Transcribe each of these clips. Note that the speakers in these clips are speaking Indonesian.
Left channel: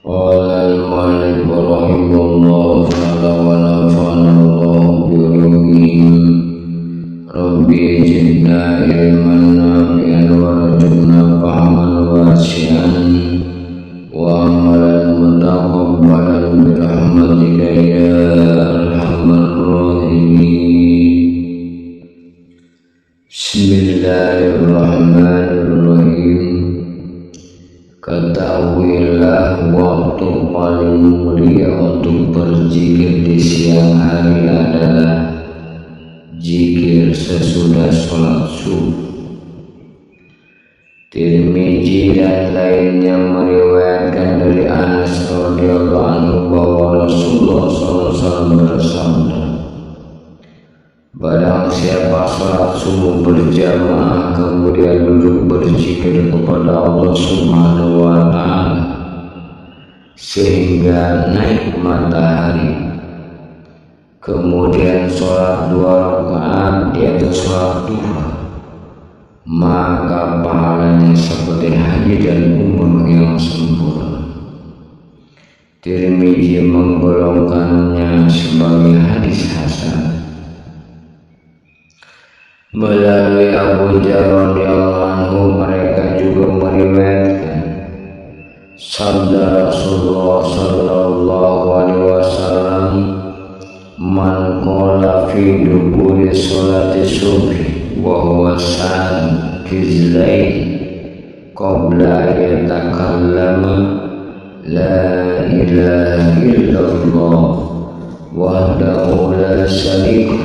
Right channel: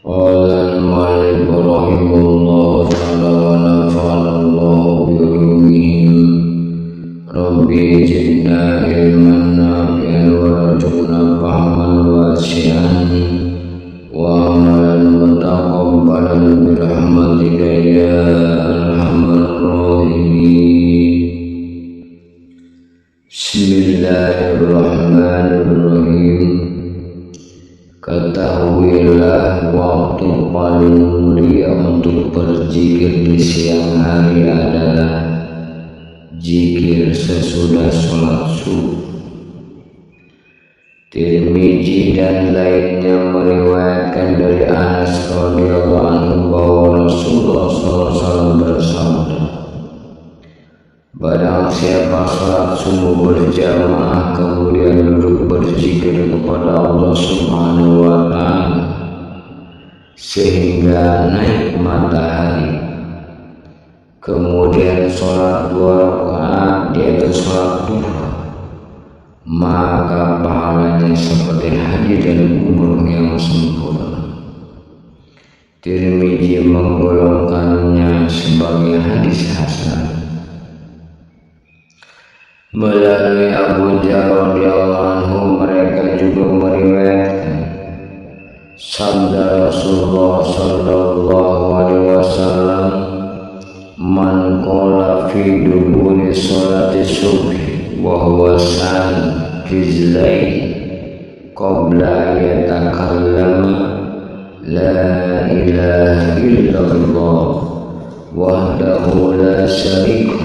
Qala al-mu'allif rahimahullahu ta'ala wa nafa'ana Allahu bi ulumihim. Rabbi zidna ilman nafi'an wa rzuqna fahman wasi'an wa amalan mutaqabbalan bi rahmatika ya arhamar rahimin. Bismillahirrahmanirrahim. Ketahuilah waktu paling mulia untuk berzikir di siang hari adalah zikir sesudah sholat subuh. Tirmizi dan lainnya meriwayatkan dari Anas radhiyallahu anhu bahwa Rasulullah SAW bersabda, barang siapa sholat subuh berjamaah kemudian duduk berzikir kepada Allah Subhanahu wa ta'ala sehingga naik matahari, kemudian sholat 2 rakaat di atas sholat duha, maka pahalanya seperti haji dan umroh yang sempurna. Tirmizi menggolongkannya sebagai hadis hasan. Melalui Abu Dzar radhiyallahu anhu mereka juga meriwayatkan sabda Rasulullah sallallahu alaihi wasallam, man qala fi duburi sholati subhi wa huwa kizlai qabla yatakallama la ilaha illallah wahdahu la syarika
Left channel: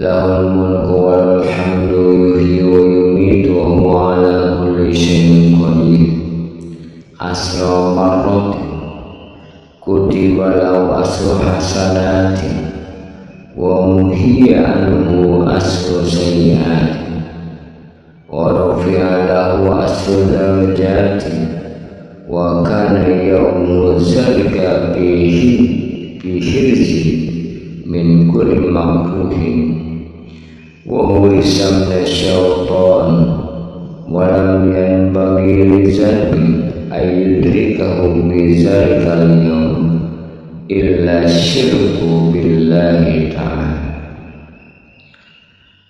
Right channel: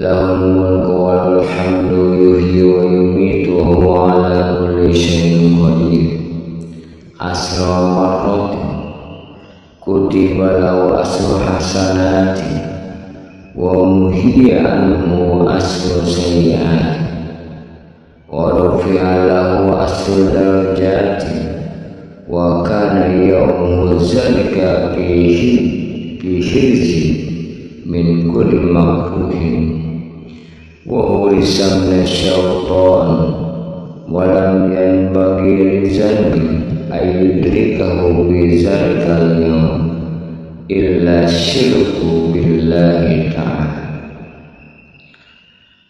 lahul mulku walul hamdu yuhyi wa yumitu wa huwa ala kulli syai'in qadir asra marratin kutiba lahu asru hasanati wa muhiya anhu asru sayyiati wa rufi'a lahu asru darajati wa kana yawmu zalika fi hirzin min kulli makruhin wa hurisam la syaitan wa lam yanbaghi lidzalbi ayyudrikahu bi zalikal yawm illa syirku billahi ta'ala.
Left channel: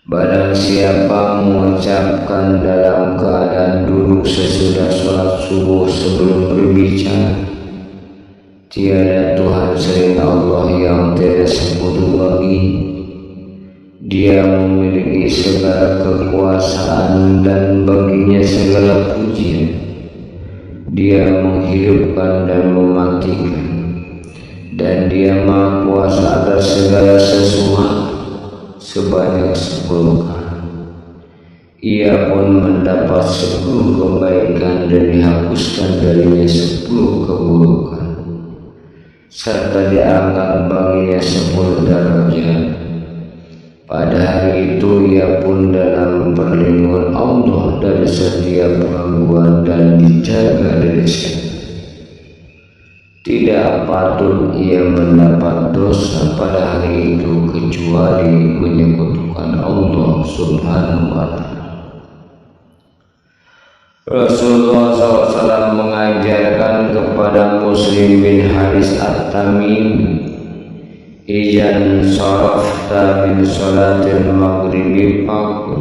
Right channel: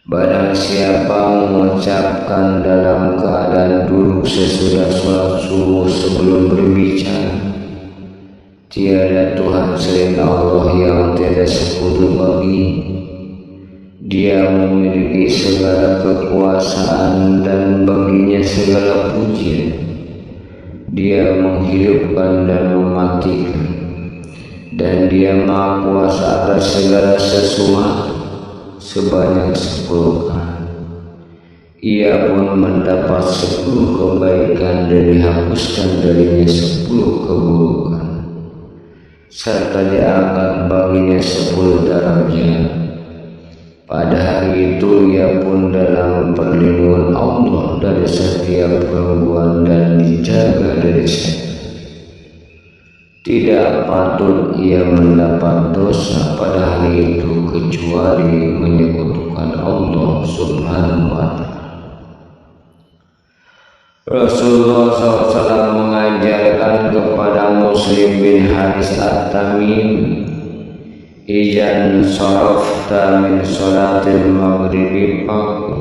Barang siapa mengucapkan dalam keadaan duduk sesudah sholat subuh sebelum berbicara, tiada Tuhan selain Allah yang tiada sekutu bagi, Dia memiliki segala kekuasaan dan baginya segala pujian. Dia menghidupkan dan mematikan, dan Dia Maha Kuasa atas segala sesuatu sebanyak 10 kali. Ia pun mendapat 10 kebaikan dan dihapuskan darinya 10 keburukan, serta diangkat baginya 10 derajat. Pada hari itu ia pun dalam perlindungan Allah dari setiap gangguan dan dijaga dari setan. Tidak patut ia mendapat dosa pada hari itu kecuali menyekutukan Allah Subhanahu wa ta'ala. Rasulullah SAW mengajarkan kepada Muslim bin Haris At-Tamimi, ijan sarafta min salatil maghribi faqul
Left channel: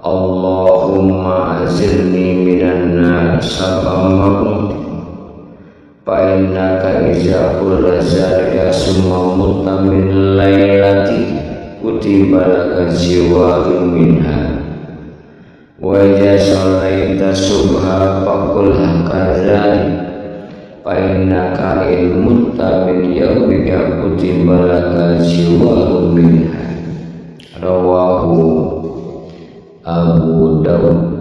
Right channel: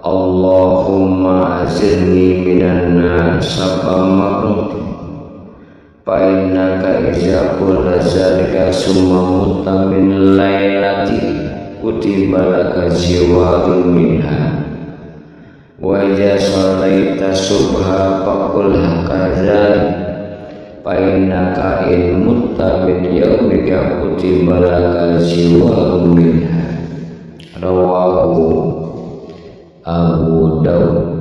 Allahumma azilni minan nar sab'a marrat fa innaka iza qulta zalika summa mutta min lailati kutiba laka jiwarun minha wa iza sallaita subha faqul hakadzalik fa innaka in mutta min yaumika kutiba laka jiwarun minha. Rawahu Abu Daud.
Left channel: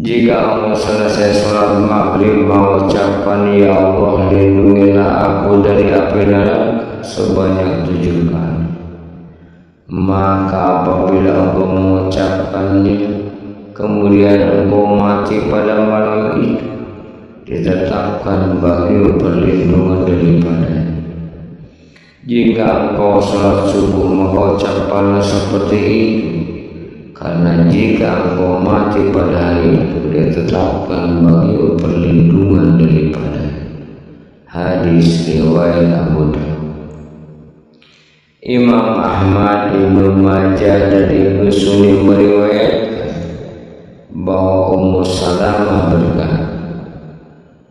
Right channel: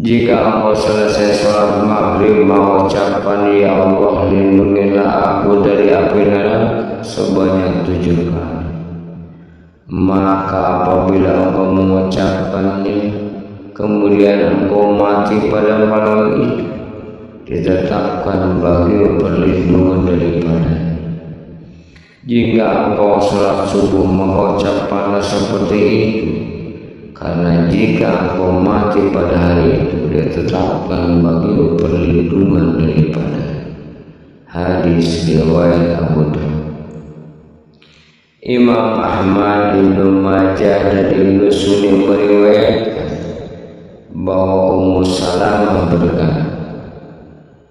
Jika engkau selesai sholat maghrib mengucapkan ya Allah lindungilah aku dari api neraka sebanyak 7 kali, maka apabila engkau mengucapkannya kemudian engkau mati pada malam itu, ditetapkan bagi perlindungan daripadanya. Jika engkau sholat subuh mengucapkanlah seperti itu, karena jika engkau mati pada hari itu, dia tetapkan bagimu perlindungan daripada. Hadis riwayat Abu Dawud. Imam Ahmad, Ibnu Majah dan Ibnu Sunni meriwayatkan bahwa Ummu Salamah berkata,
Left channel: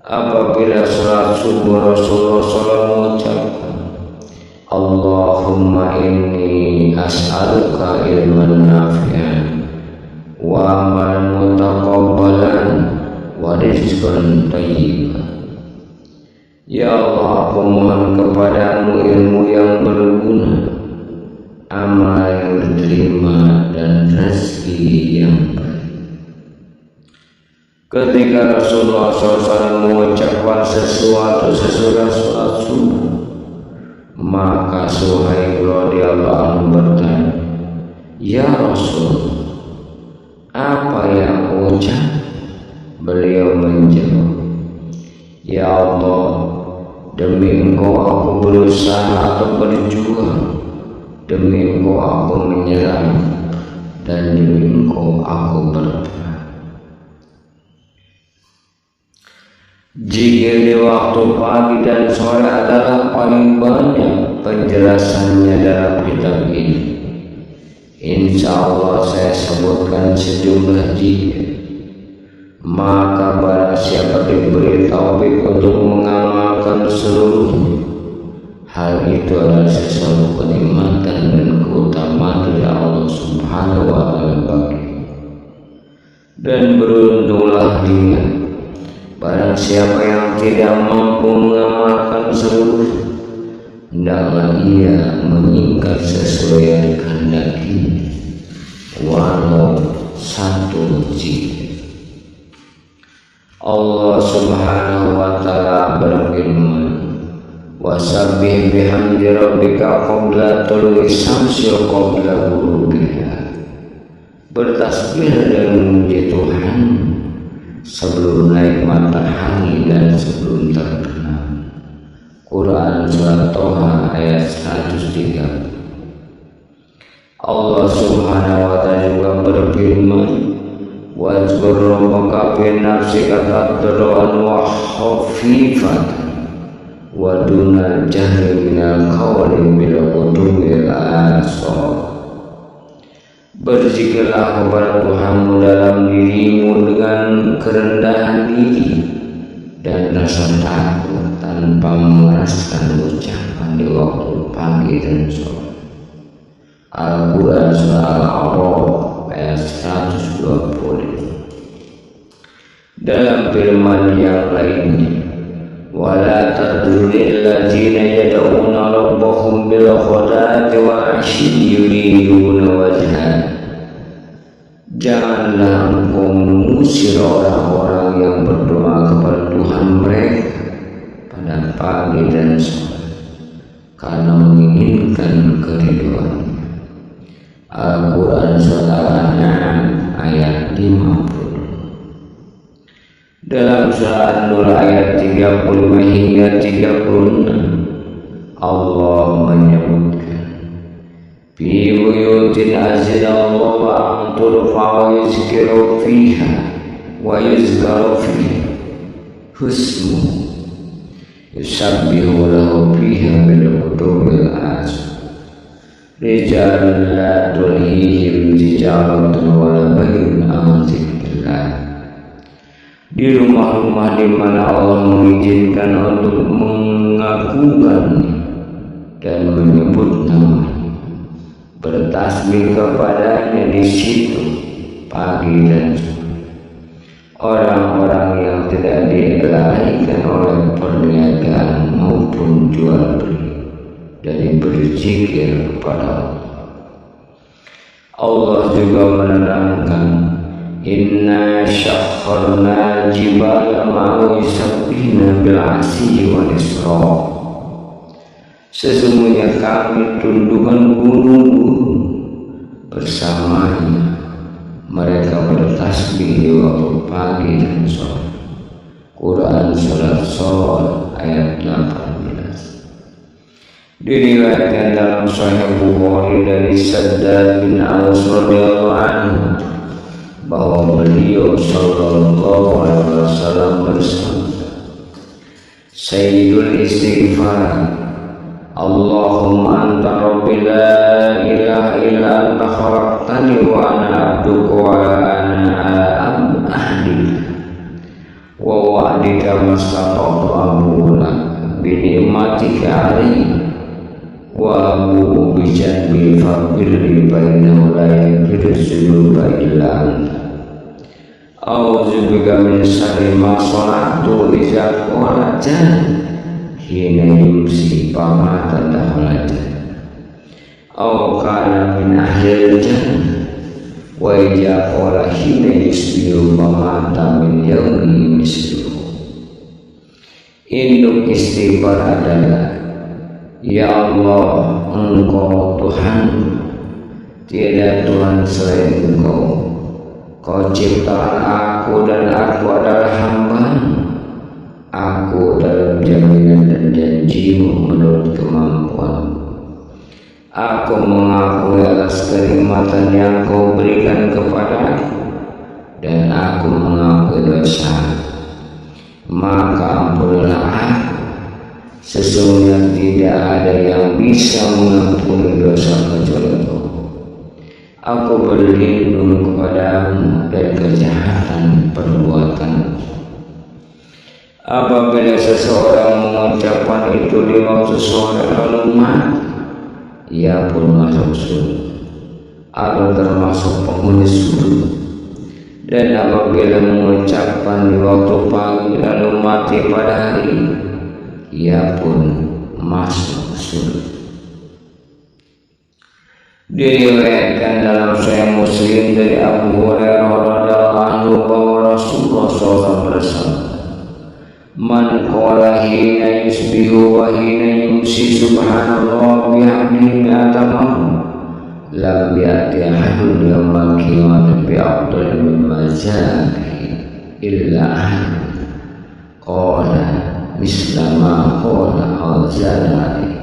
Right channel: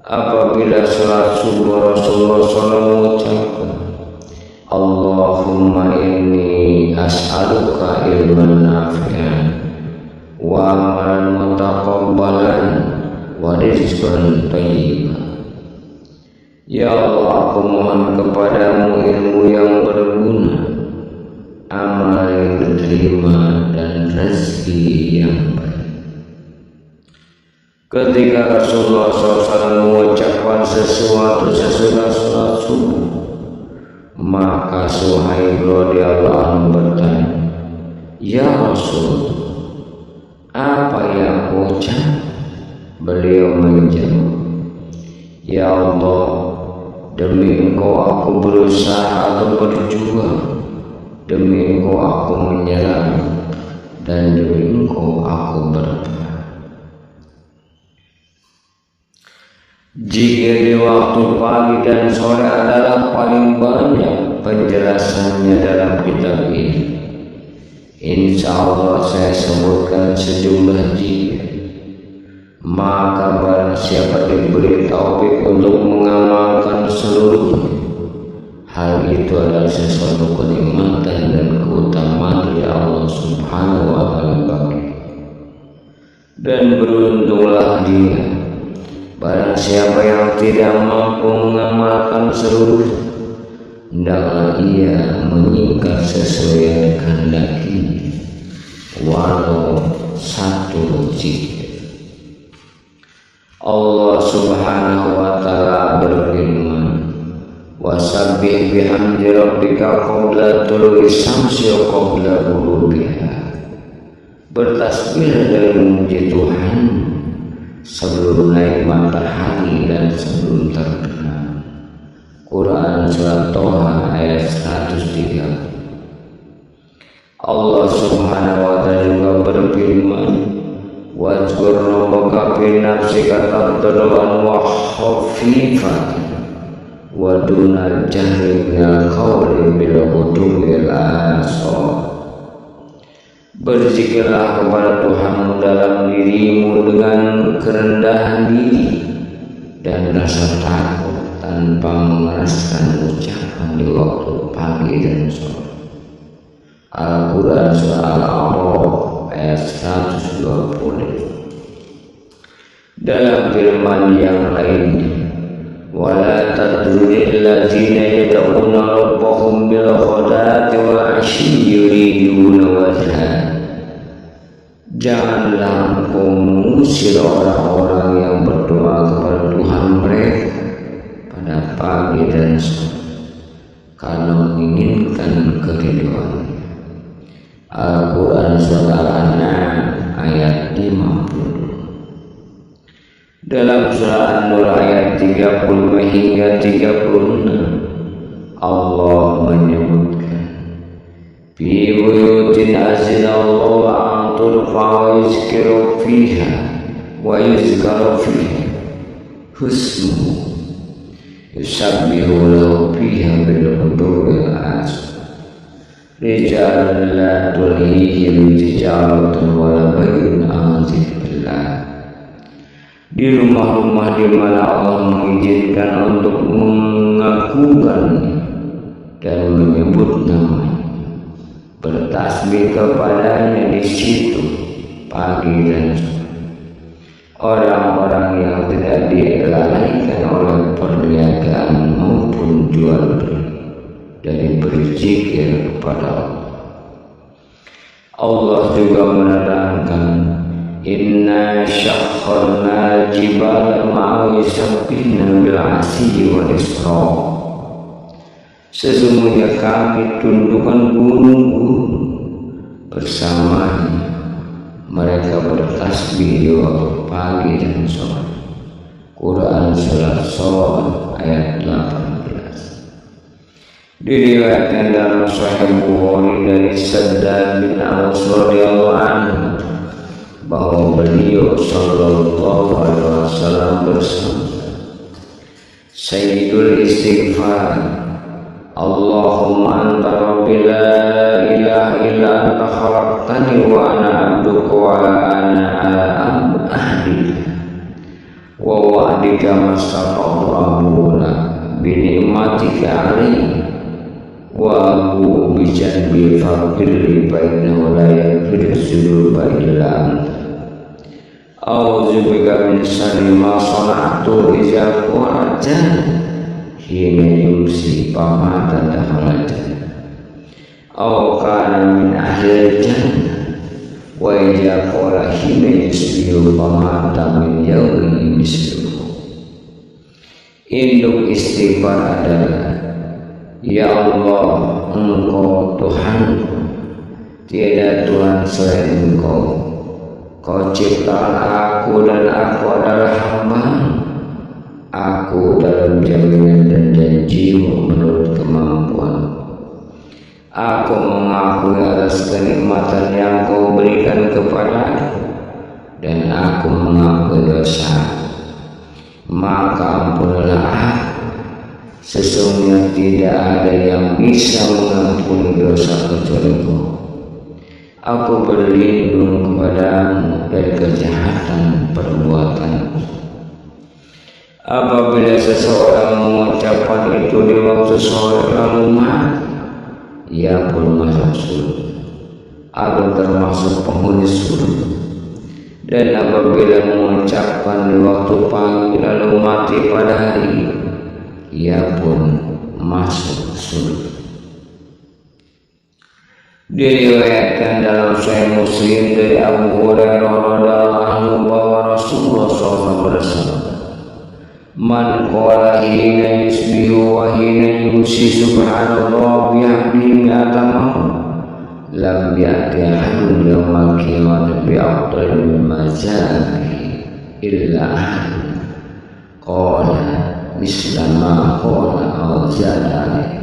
apabila sholat subuh Rasulullah SAW mengucapkan, Allahumma inni as'aluka ilman nafi'an wa amalan mutaqabbalan wa rizqan thayyiban. Ya Allah, aku mohon kepadamu ilmu yang berguna, amal yang diterima, dan rezeki yang baik. Ketika Rasulullah SAW mengucapkan sesuatu sesudah sholat subuh, maka Suhaib radhiyallahu anhu bertanya, ya Rasul, apa yang aku ucap? Beliau menjawab, ya Allah, demi engkau aku berusaha atau berjuang, demi engkau aku menyerang, dan demi engkau aku berperang. Zikir di waktu pagi dan sore adalah paling banyak penjelasannya dalam kitab ini. Insya Allah saya sebutkan sejumlah zikir. Maka barang siapa diberi taufik untuk mengamalkan seluruhnya, hal itu adalah sesuatu kenikmatan dan keutamaan dari Allah Subhanahu wa Ta'ala bagi. Dan beruntunglah dia barang siapa yang tidak mampu mengamalkan seluruhnya, hendaklah ia menyingkat sesuai yang dikehendakinya, walau satu zikir. Allah Subhanahu wa Ta'ala berfirman, wasabbih bihamdi rabbika qabla tulu'i syamsi wa qabla ghurubiha. Bertasbih dan memuji Tuhan sebelum naik matahari dan sebelum terbenam. Quran surat Toha ayat 130. Allah Subhanahu wa Ta'ala juga berfirman, wazkur rabbaka fi nafsika tadarruan wa khafifatan wa dunal jahri minal qawli bil ghudwi wal asal. Berzikirlah kepada Tuhanmu dalam dirimu dengan kerendahan diri dan rasa takut tanpa mengeraskan ucapan di waktu pagi dan sore. Al-Quran surah Al-A'raf ayat 120. Dalam firman yang lainnya, wala tadrunil ladzina yad'una rabbahum bil ghadati wal 'ashyi yuriduna wajha. Janganlah engkau mengusir orang-orang yang berdoa kepada Tuhan mereka pada pagi dan sore karena menginginkan keridhaan. Al-Quran surah Al-An'am ayat 52. Dalam surah An-Nur ayat 35 hingga 36, Allah menyebutkan, fi buyutin azinallahu an turfa wa yuzkaru fiha husmu yusabbihu lahu fiha bil ghudwi wal asal. Rijalun la tulhihim tijaratun wala bay'un an dzikrillah. Di rumah-rumah di mana Allah mengizinkan untuk mengakukan dan menyebut namanya, bertasbih kepadanya di situ pagi dan sore. Orang-orang yang tidak dilalaikan oleh perniagaan maupun jual beli dari berzikir kepada Allah. Allah juga menerangkan, inna syakharna jibala ma'u yusabbihna bil 'ashyi wal isra. Sesungguhnya kami tundukkan gunung-gunung bersamanya, mereka bertasbih di waktu pagi dan sore. Quran surat Shad ayat 18. Diriwayatkan dalam Sahih Bukhari dari Shaddad bin Aus radhiyallahu anhu bahwa beliau sallallahu alaihi wasallam bersabda, Sayyidul istighfar, Allahumma anta rabbi la ilaha illa anta khalaqtani wa ana abduka wa ana ala ahdika wa wa'dika mastata'tu abu lak bi ni'matika alayhi wa abu bi janbi faghfirli fa innahu la yaghfiru dzunuba illa anta a'udzu bika min syarri ma sana'tu idza qala hina yumsi pamata dakhalatan aw kana min ahlil jannah wa idza qala hina yusbihu pamata min yaumihi misluhu. Induk istighfar adalah, ya Allah, Engkau Tuhanku, tiada Tuhan selain Engkau. Kau ciptaan aku dan aku adalah hamba-Mu. Aku dalam jaminan dan janji-Mu menurut kemampuan. Aku mengakui atas kenikmatan yang Kau berikan kepadaku, dan aku mengakui dosa. Maka ampunilah aku. Sesungguhnya tidak ada yang bisa mengampuni dosa kecuali Kau. Aku berlindung kepada-Mu dari kejahatan perbuatanku. Apabila seseorang mengucapkan itu di waktu sore lalu mati, ia pun masuk surga atau termasuk penghuni surga. Dan apabila mengucapkan di waktu pagi lalu mati pada hari, ia pun masuk surga. Diriwayatkan dalam Sahih Muslim dari Abu Hurairah radhiyallahu anhu bahwa Rasulullah SAW bersabda, Man qala hina yusbihu wa hina yumsi subhanallah bihamdihi mi'ata marrah lam ya'ti ahadun yawmal qiyamati bi afdal mimma zabihi illa ahadun qala misla ma qala aw zada alaihi.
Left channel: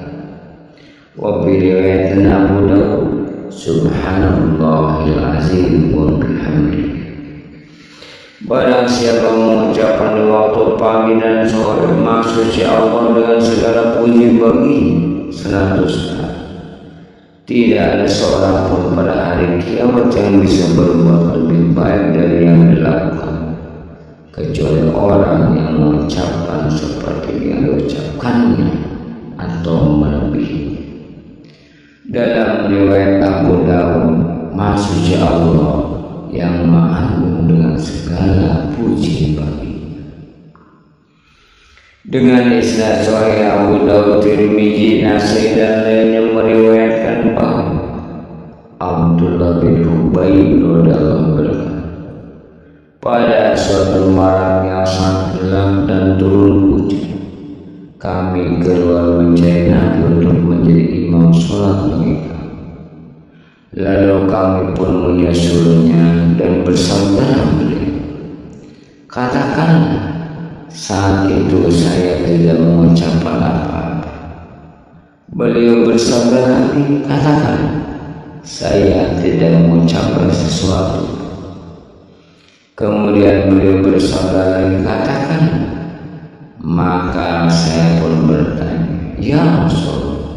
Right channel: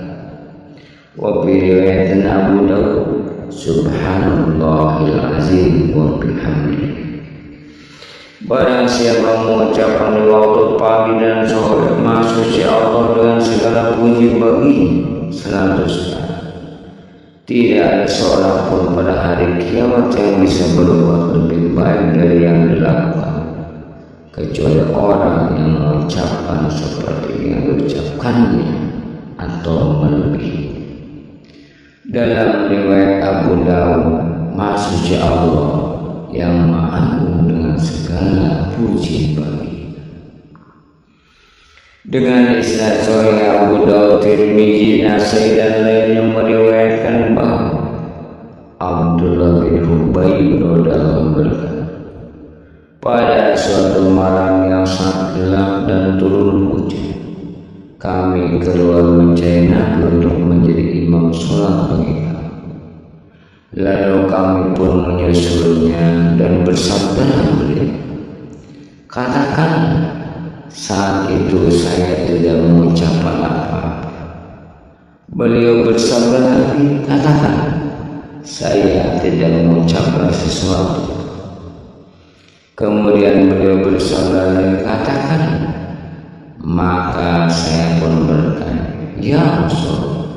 Wa bi riwayatin Abu Dawud subhanallahil azim wa bihamdihi. Barang siapa mengucapkan di waktu pagi dan sore, maksudnya Allah dengan segala puji baginya 100 kali. Tidak ada seorang pun pada hari kiamat yang bisa berbuat lebih baik dari yang dilakukan, kecuali orang yang mengucapkan seperti yang diucapkannya atau melebihi. Dalam riwayat Abu Dawud, maksudnya Allah yang Maha Agung dengan segala puji baginya. Dengan isnad sahih Abu Dawud, Tirmizi, Nasai dan lainnya meriwayatkan bahwa Abdullah bin Hubayb radhiyallahu berkata, pada suatu malam yang sangat gelap dan turun hujan, kami keluar mencari Nabi untuk menjadi imam sholat bagi kami. Lalu kami pun menyusulnya dan bersabda beliau, katakanlah. Saat itu saya tidak mengucapkan apa-apa. Beliau bersabda lagi, katakan. Saya tidak mengucapkan sesuatu. Kemudian beliau bersabda lagi, katakan. Maka saya pun bertanya, ya Rasul,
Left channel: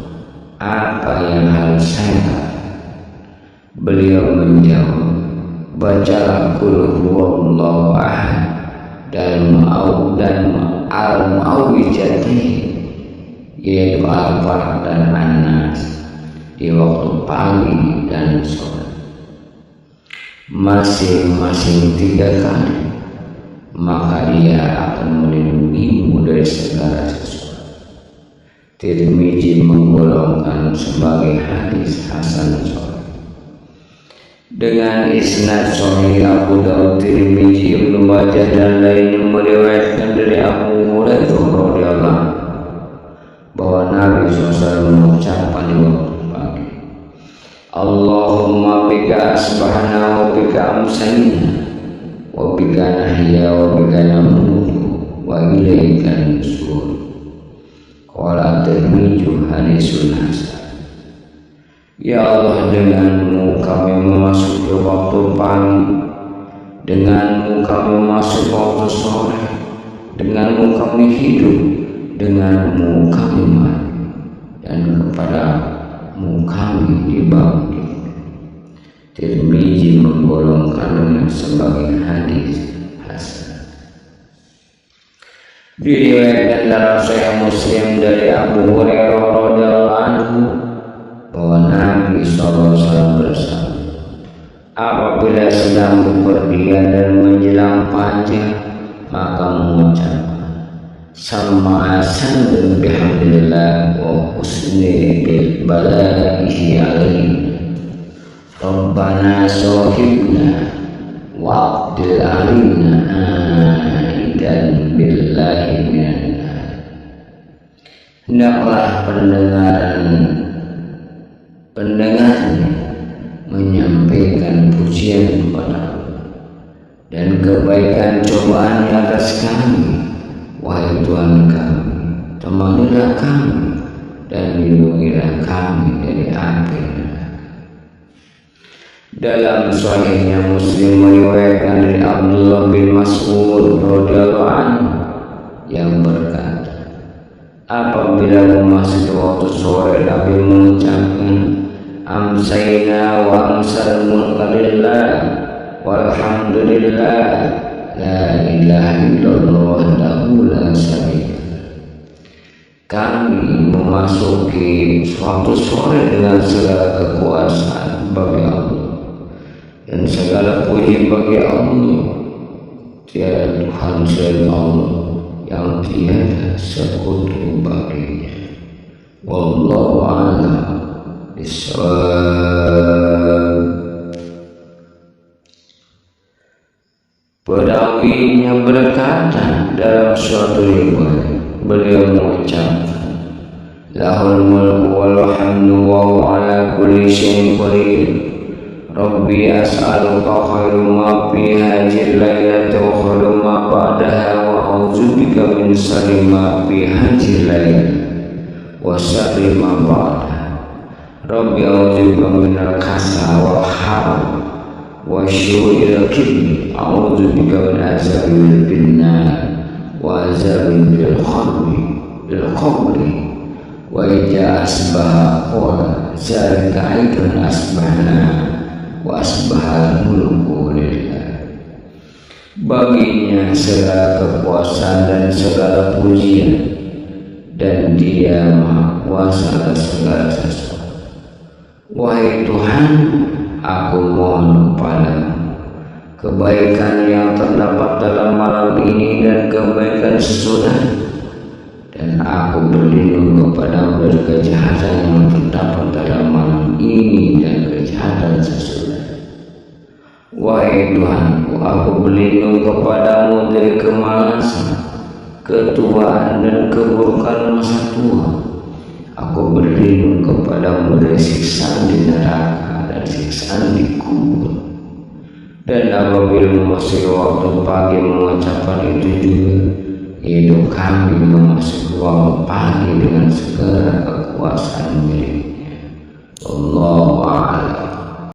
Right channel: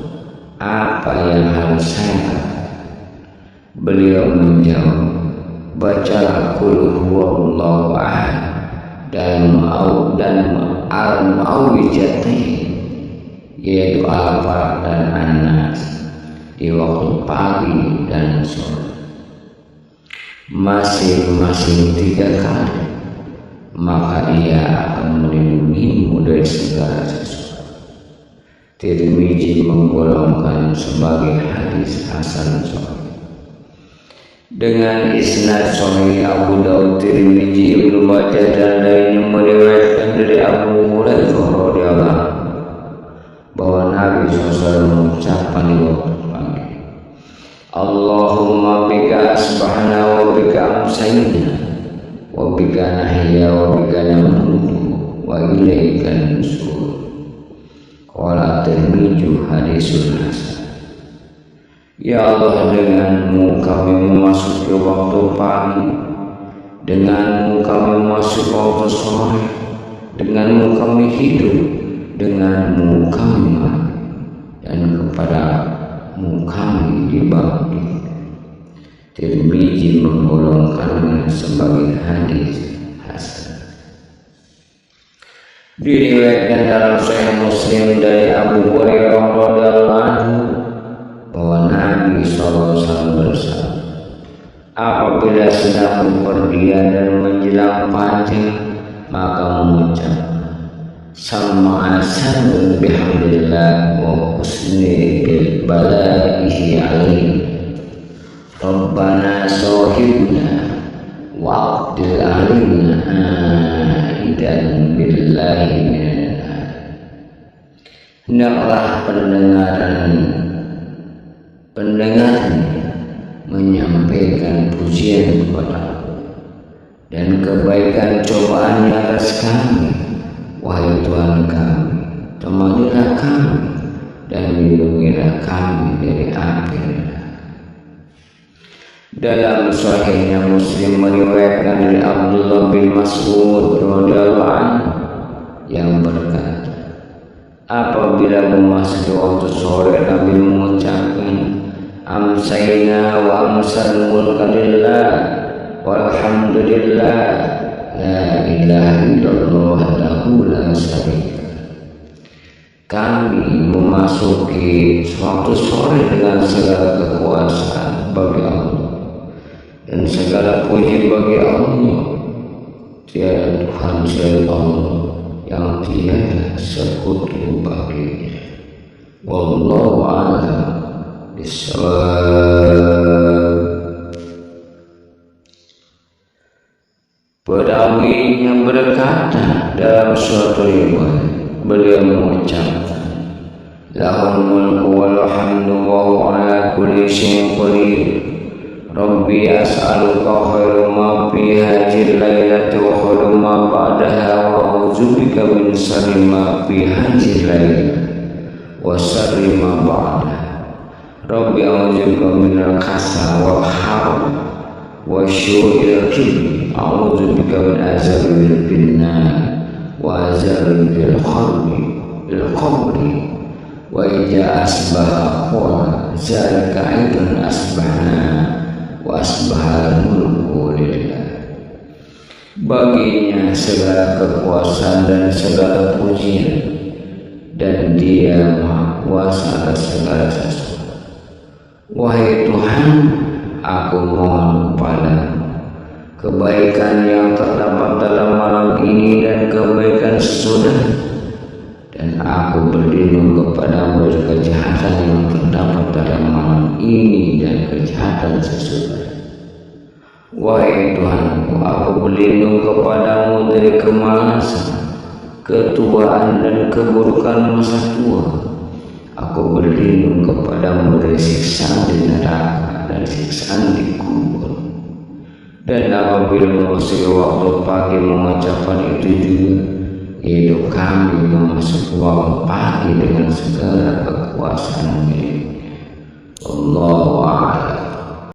apa yang harus saya katakan? Beliau menjawab, bacalah qul huwallahu ahad dan al-mu'awwidzatain, yaitu Al-Falaq dan An-Nas di waktu pagi dan sore, masing-masing 3 kali, maka ia akan melindungimu dari segala sesuatu. Tirmizi menggolongkan sebagai hadis hasan sahih. Dengan isnad sahih Abu Dawud, Tirmizi, Ibnu Majah dan lainnya meriwayatkan dari Abu Hurairah radhiyallahu anhu bahwa Nabi SAW mengucapkan di waktu pagi, Allahumma bika asbahna wa bika amsayna wa bika nahya wa bika namutu wa ilaika nusyur. qala Tirmidzi hadisun hasan. Ya Allah, denganmu kami memasuki waktu pagi, denganmu kami masuk waktu sore, denganmu kami hidup, denganmu kami mati, dan kepadamu kami dibangkit. Tirmidzi menggolongkannya sebagai hadis hasan. Diriwayatkan dalam Sahih Muslim dari Abu Hurairah radhiyallahu anhu bahwa Nabi SAW bersabda, apabila sedang bepergian dan menjelang fajar, maka mengucapkan sama'asan bihamdillah wa husni bil balaihi alaih Rabbana sohibna wa'abdil alina aidan billahi minan nar. Hendaklah pendengarnya menyampaikan pujian kepada Allah dan kebaikan cobaannya atas kami. Wahai Tuhan kami, temanilah kami dan lindungilah kami dari api neraka. Dalam Sahihnya Muslim meriwayatkan dari Abdullah bin Mas'ud radhiyallahu anhu yang berkata, apabila memasuki waktu sore, Nabi mengucapkan amsayna wa amsal mulka lillah walhamdulillah la ilaha illallah wahdahu la syarika. Kami memasuki waktu sore dengan segala kekuasaan bagi Allah dan segala puji bagi Allah. Tiada Tuhan selain Allah yang tiada sekutu baginya. Wallahu a'lam bishawab. Perawinya berkata dalam suatu riwayat, beliau mengucapkan lahul mulku wal hamdu wa huwa ala kulli syai'in qadir. Rabbi as'aluka khairu ma fi hadhihi lailati wa khairu ma ba'daha wa a'udzubika min syarri ma fi hadhihi lailati wa syarri ma ba'daha. Rabbi a'udzubika minal kasal wal haram wa syu'il kibri, a'udzubika min azabil finnar wa azabin fil qabri wa idza asbaha qala zalika aidun asbahna wa asbahal mulku lillah. Baginya segala kekuasaan dan segala pujian, dan Dia Maha Kuasa atas segala sesuatu. Wahai Tuhan, aku mohon kepadamu kebaikan yang terdapat dalam malam ini dan kebaikan sesudah, dan aku berlindung kepadamu dari kejahatan yang terdapat dalam malam ini dan kejahatan sesudah. Wahai Tuhanku, aku berlindung kepadamu dari kemalasan, ketuaan dan keburukan masa tua. Aku berlindung kepadamu dari siksaan di neraka dan siksaan di kubur. Dan apabila memasuki waktu pagi mengucapkan itu juga, hidup kami memasuki waktu pagi dengan segala kekuasaan miliknya. Allahu a'lam.